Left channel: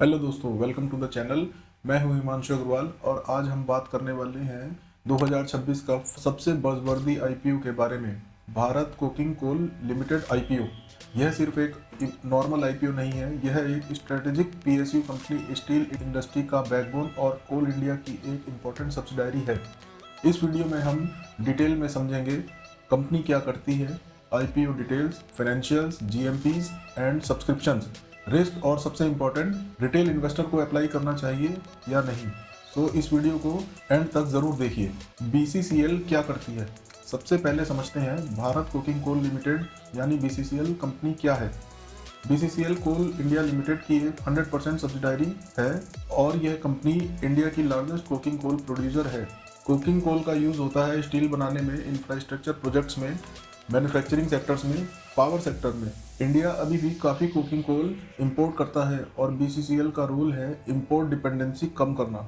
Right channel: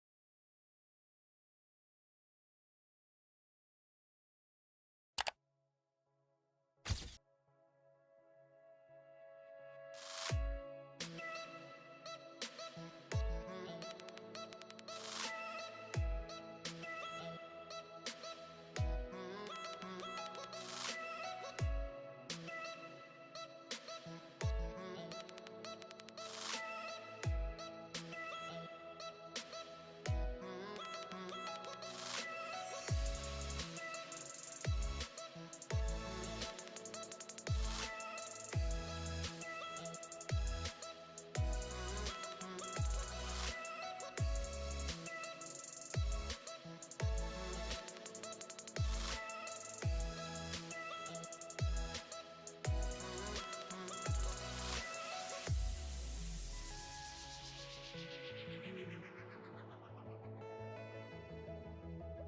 Hello दोस्तों, welcome to the channel. मैं हूं हिमांशु अग्रवाल और आज हम बात करने वाले हैं 2026 का सबसे बज़वर्दी आईपीओ के बारे में। Bharat coking coal limited IPO. यह सिर्फ एक नॉर्मल आईपीओ नहीं है, यह एक strategic PSU company, steel industry का बैकबोन और कोल इंडिया की एक इम्पोर्टेंट सब्सिडायरी है। इस वीडियो में हम डिटेल में समझेंगे कंपनी क्या करती है, IPO details, financials, GMPs and subscriptions, risk और सबसे इम्पोर्टेंट रिटेल इन्वेस्टर को अप्लाई करना चाहिए या नहीं। तो इस वीडियो को एंड तक ज़रूर देखिए। बीसीसीएल क्या करती है, सबसे पहले समझते हैं भारत कोकिंग कोल लिमिटेड यानी बीसीसीएल कंपनी क्या है। बीसीसीएल कोल इंडिया लिमिटेड की एक 100% सब्सिडायरी है और यह कंपनी इंडिया की लार्जेस्ट कोकिंग कोल प्रोड्यूसर है। कोकिंग कोल का यूज़ होता है स्टील बनाने में, इंफ्रास्ट्रक्चर प्रोजेक्ट्स में, मैन्युफैक्चरिंग सेक्टर्स में, पावर सेक्टर में। इंडिया अभी भी काफ़ी कोकिंग कोल इंपोर्ट करता है और बीसीसीएल का रोल है इंपोर्ट डिपेंडेंसी कम करना।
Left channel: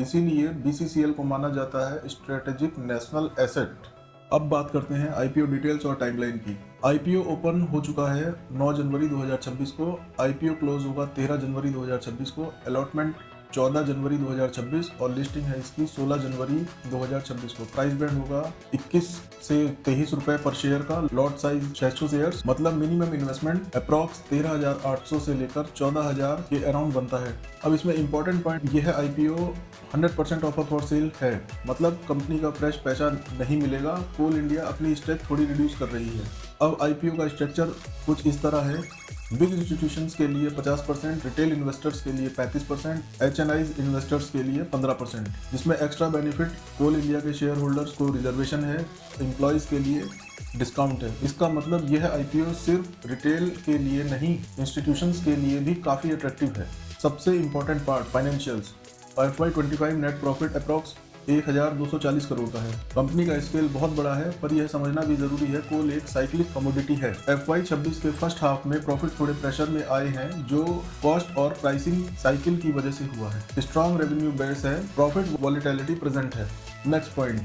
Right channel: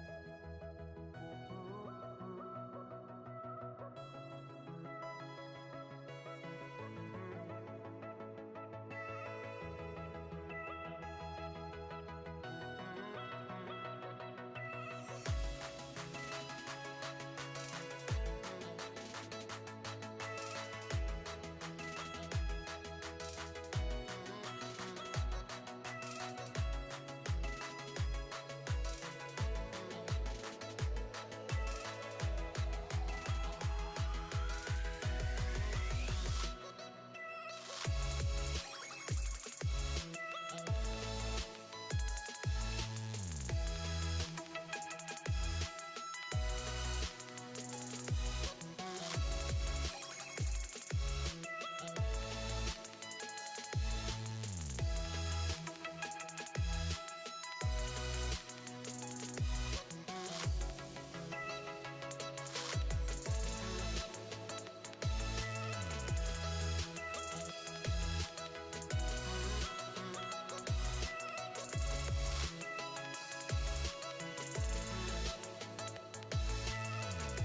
इसीलिए बीसीसीएल को माना जाता है स्ट्रेटेजिक नेशनल एसेट। अब बात करते हैं आईपीओ डिटेल्स और टाइमलाइन की। आईपीओ ओपन हो चुका है 9 जनवरी 2026 को। आईपीओ क्लोज होगा 13 जनवरी 2026 को। अलॉटमेंट 14 जनवरी 2026 और लिस्टिंग है इसकी 16 जनवरी 2026 को। प्राइस बैंड होगा 21 से 23 रुपए पर शेयर का। लॉट साइज 600 शेयर्स, मतलब मिनिमम इन्वेस्टमेंट अप्रॉक्स 13,800 से लेकर 14,000 के अराउंड बनता है। अब इसमें इंपॉर्टेंट पॉइंट यह है, आईपीओ 100% ऑफर फॉर सेल है, मतलब कंपनी का फ्रेश पैसा नहीं मिलेगा। कोल इंडिया अपनी स्टेक थोड़ी रिड्यूस कर रही है। अब आईपीओ का स्ट्रक्चर कुछ इस तरह है। बिग इंस्टीट्यूशंस के लिए 50%, रिटेल इन्वेस्टर्स के लिए 35%, एचएनआईज इन्वेस्टर्स के लिए 15%। जिसमें एक्स्ट्रा बेनिफिट कोल इंडिया के शेयर होल्डर्स को रिजर्वेशन है, एम्प्लॉयज़ के लिए डिस्काउंट है। इसका मतलब यह आईपीओ सिर्फ रिटेल के लिए नहीं, इंस्टीट्यूशंस के लिए भी काफ़ी अट्रैक्टिव है। सबसे important part financials. FY25 net profit approx 1,240 crore का है। कंपनी का स्केल बहुत बड़ा है, पर यह समझना भी जरूरी है कोल एक साइक्लिक कमोडिटी है। FY26 के फर्स्ट हाफ में प्रॉफिट थोड़े प्रेशर में आए हैं, जो कॉस्ट और प्राइसिंग साइकिल की वजह से हुआ है। स्ट्रॉन्ग रेवेन्यू बेस है, प्रॉफिट वॉलेटिलिटी प्रेजेंट है। Next point,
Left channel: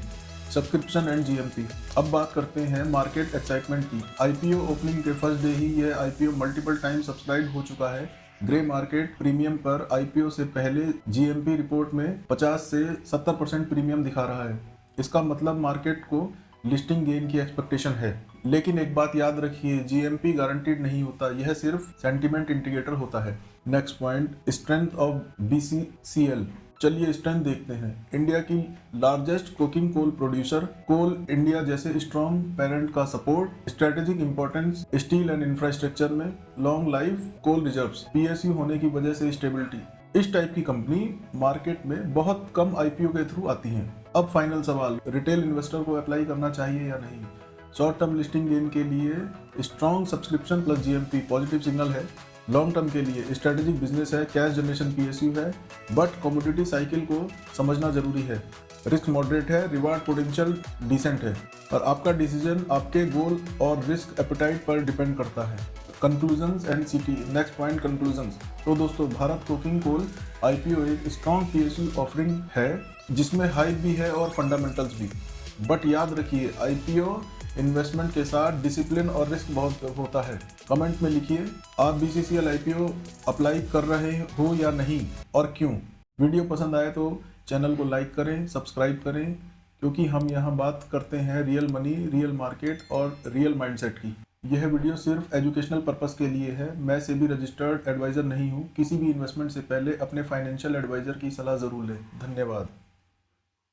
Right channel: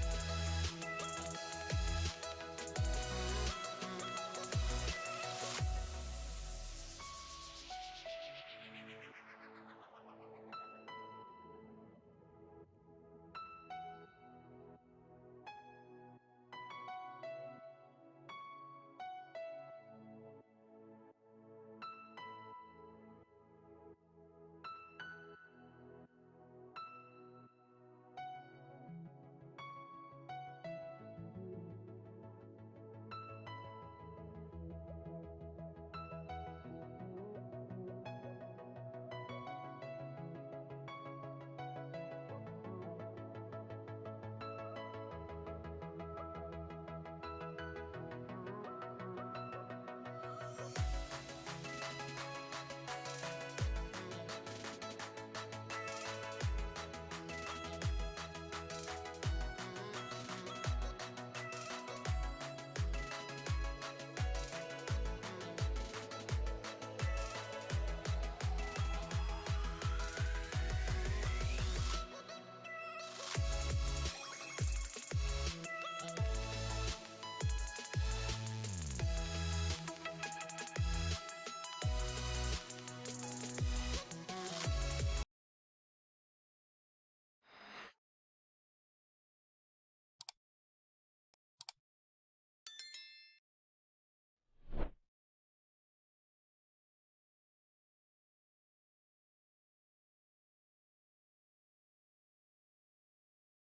subscription and GMP. अब बात करते हैं मार्केट एक्साइटमेंट की। आईपीओ ओपनिंग के फर्स्ट डे ही यह आईपीओ मल्टीपल टाइम सब्सक्राइब हो चुका है। ग्रे मार्केट प्रीमियम पर आईपीओ से पहले जीएमपी रिपोर्ट में 50 से 70% प्रीमियम दिखा रहा है। इसका मतलब मार्केट को लिस्टिंग गेन की एक्सपेक्टेशन है। लेकिन एक बात याद रखिए, जीएमपी गारंटीड नहीं होता, यह सिर्फ सेंटीमेंट इंडिकेटर होता है। Next point, strength of BCCL. चलिए स्ट्रेंथ देखते हैं। इंडिया की लार्जेस्ट कोकिंग कोल प्रोड्यूसर, कोल इंडिया जैसे स्ट्रॉन्ग पेरेंट का support, strategic importance steel and infrastructure में, लॉन्ग लाइफ कोल रिजर्व्स, पीएसयू होने की वजह से स्टेबिलिटी। इस टाइप की कंपनी मार्केट में बहुत कम आईपीओ के थ्रू आती हैं। अब फाइनल सवाल, रिटेल इन्वेस्टर को अप्लाई करना चाहिए या नहीं। शॉर्ट टर्म लिस्टिंग गेन के लिए strong subscription plus GMP positive signal है। लॉन्ग टर्म के लिए स्ट्रेटेजिक बिजनेस है, कैश जनरेशन पीएसयू है, बट कमोडिटी साइकिल को समझना जरूरी है। रिस्क मॉडरेट है, रिवार्ड पोटेंशियल डिसेंट है, और आपका डिसीजन आपके गोल और रिस्क एपेटाइट पर डिपेंड करता है। कंक्लूजन्स एंड सीटी। Next point, conclusions. तो दोस्तों, भारत कोकिंग कोल आईपीओ एक स्ट्रॉन्ग पीएसयू ऑफरिंग है, जिसमें हाइप भी है और फंडामेंटल्स भी। बट याद रखिए, आईपीओ इन्वेस्टमेंट के साथ डिसिप्लिन और रिस्क बहुत होता है। कमेंट में लिखिए आप बीसीसीएल आईपीओ अप्लाई कर रहे हो या नहीं, और क्यों। वीडियो पसंद आए तो चैनल को लाइक करें, सब्सक्राइब करें, क्योंकि हम यहाँ बात करते हैं रियल मनी, रियल मार्केट और रियल माइंडसेट की। यह वीडियो सिर्फ एजुकेशनल पर्पस के लिए है। मैं सेबी रजिस्टर्ड एडवाइज़र नहीं हूँ। किसी भी इन्वेस्टमेंट से पहले अपने फाइनेंशियल एडवाइज़र की सलाह ज़रूर लें। धन्यवाद।